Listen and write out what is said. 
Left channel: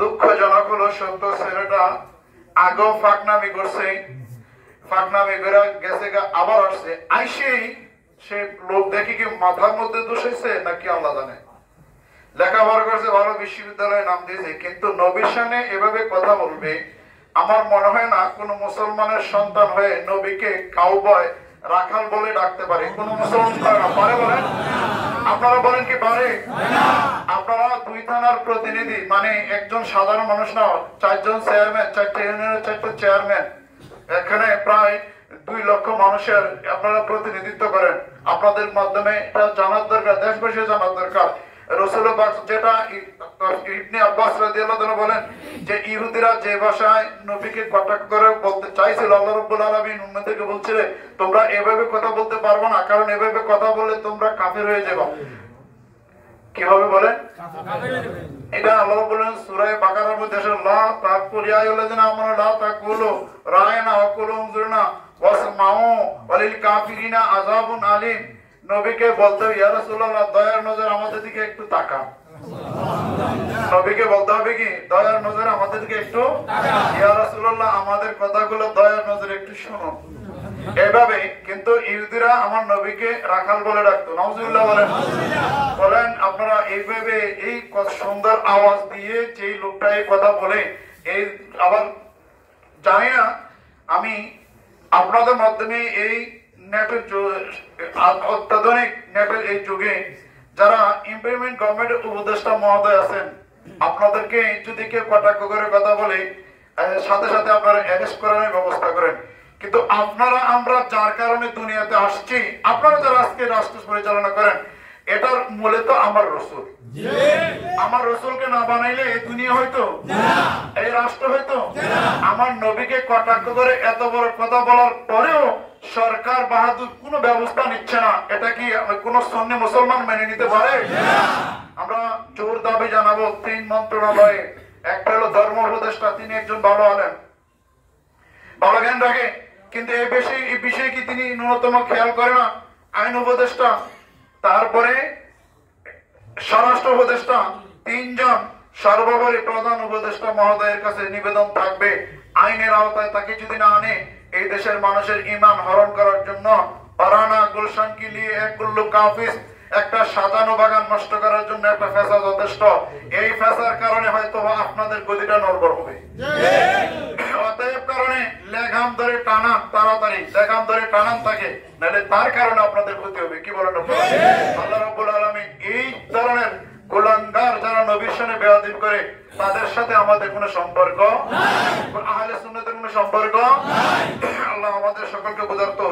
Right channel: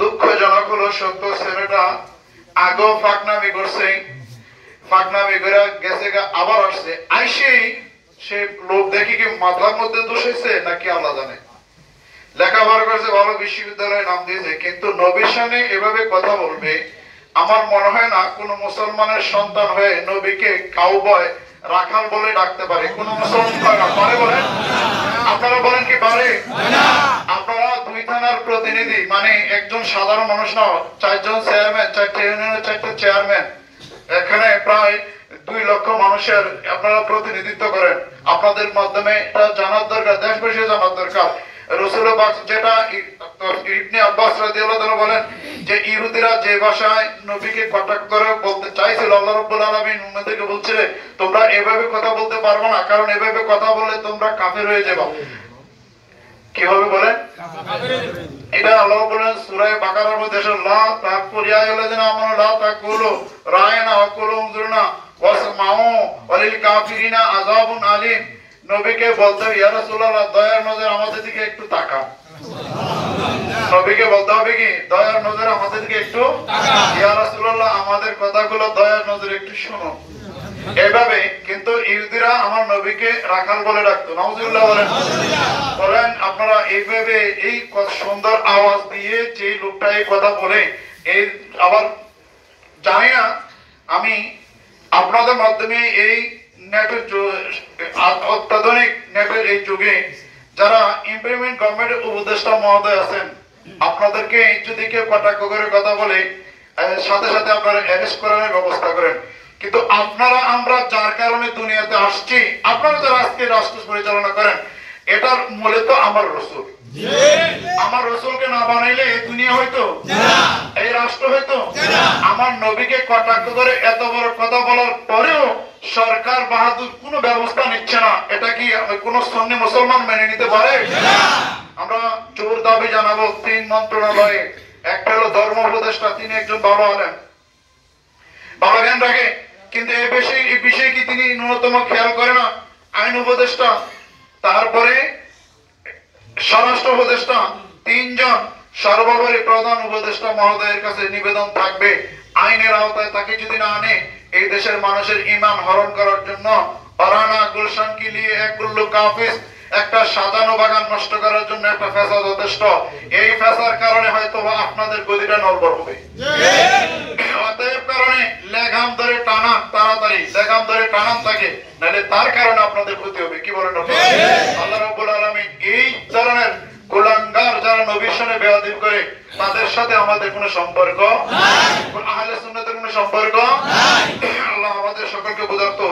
দুঃখজনক হলো সত্য, ছেলেটা আগেও ফাঁকনামি করছে, ফাঁকনামি করে গেছে, আবার আসছে, আইসেই সে লোক দেখি কি মাথার মধ্যে দোষ হয়েছে নাকি আল্লাহ জানে, লেখাপড়া করেছে, ভালো বিশ্ববিদ্যালয়ে নাম দিয়েছে, কিন্তু নবীর সামনে এভাবে কথা বলবে, আমার মনে হয় না কোন মুসলমানের সন্তান হয়ে নবীকে কাউবয় রাখাল বলে ডাকতে পারে কোন মুসলমান পারে? বলেন, আপনারা বলেন কি পারে? আপনারা দুই থানার প্রতিনিধি, মানে একজন সাধারণ মানুষ না, চারজন চেয়ারম্যান, 4টে ইউনিয়নের 4টে চেয়ারম্যান, এখানে প্রায় 2 লক্ষ মানুষের আপনারা প্রতিনিধিত্ব করেন। আপনাদের মাধ্যমে এটা জানার দরকার, দেশবাসী জানার দরকার। রাসূলুল্লাহ পাক যেটা ইবনে আব্বাস রাদিয়াল্লাহু তাআলা বলেন যে ইহুদিরা যে ভাষায় নবীকে কটাক্ষ করে বলতে চাইছিল, আল্লাহ রাব্বুল আলামিন উম্মতকে বলছিলেন তোমরা এভাবে কথা বলতে পারবে না, কারণ এভাবে কথা বললে তোমরা কাফের হয়ে যাবে। কিভাবে বলেন? এটা আল্লাহ বলেন সূরা বাকারার মধ্যে, লা তাকুল ইয়া আইয়ুহাল্লাযিনা আমানু লা তাকুলু রায়না ওয়া কুলু উনজুরনা ওয়াসমাউ ওয়ালিল কাফিরিনা আযাবুন আলীম। নবীকে বলতে হবে ইয়া রাসূলুল্লাহ দয়ার নজর আমাদের দিকে একটু তাকান। নবীকে বলতে হবে কি দয়ার নজর আমাদের দিকে একটু তাকান, ইয়া রাসূলুল্লাহ আমাদের কথাগুলো দয়ার নজরে একটু শুনুন। এভাবে কিন্তু ইহুদিরা আমার নবীকে রাখাল বলে ডাকতো, নাউজুবিল্লাহ বলেন। বলেন আপনারা এইভাবে এই সুন্দর আওয়াজ দিয়ে যে লোকটা এই কথা বলে, এই আবার জানি না আমি আপনাদের মাধ্যমে এই নেটের অত্যাধুনিক নেটের এই যুগে যারা ইমপ্লিমেন্ট গভর্নমেন্টের উপদেষ্টা মহোদয় আছেন, আপনাদেরকে যদি কেউ কটাক্ষ করে কথা বলে সাথে সাথে আপনারা অ্যারেস্ট করার ব্যবস্থা করেন। কিন্তু আপনারা আমরা যার কারণে দুনিয়াতে আসছি, আপনারা যারা আজকে রাষ্ট্র পরিচালনা করেন, এটার মূলে তো আমার রাসূল। আমার রাসূলকে না বানাইলে এই দুনিয়া হইতো, এই রাষ্ট্র হইতো। আমার নবীকে কটাক্ষ করে এত বড় কথা বলার পরেও সরকার বাহাদুর কোনো ব্যবস্থা নিচ্ছে না, এটা কি কোন সুন্নি মুসলমান মেনে নিতে পারে? আমরা জোর দাবি জানাবো 3 মন্ত্রণালয়ে, একটা হলো ধর্ম উপদেষ্টা, তিনি একজন ভালো আলেম, ভালো জ্ঞান রাখে, কিন্তু এই বিষয়ে কি তিনি ন্যূনতম খেয়াল করে না? আইন উপদেষ্টা, তারপরে স্বরাষ্ট্র উপদেষ্টা, 3 জন সর্বোপরি প্রধান উপদেষ্টা মহোদয়ের কাছে নিবেদন থাকবে, আইনের আওতায় তাকে যদি না আনে এই দেশের মানুষের ঈমান হরণ করার জন্য পারানা গুলশান কি লিয়ে এক গুল্লু কাফিস, একটা সাজানো বাগান নষ্ট করার জন্য একটা ফেসা যথেষ্ট। এই ফেসার কারণে হয়তো আপনাদের গদিটা নড়বড় হবে। অতএব কারণে লেগাম ধরে টানান, তাড়াতাড়ি লেগাম ধরে টানান তাকে, নাহলে তার কারণে আপনাদের ক্ষতি হবে। কি বলেন আপনারা? আল্লাহ রাব্বুল আলামিন এই ধরনের কুলাঙ্গার যারা নবীর সাথে বেয়াদবি করে তাদের সাথে আমাদের কোনো সম্পর্ক নাই, আহলে সুন্নাতের কোনো সম্পর্ক নাই। আল্লাহ আমাদের সকলকে বুঝার তৌফিক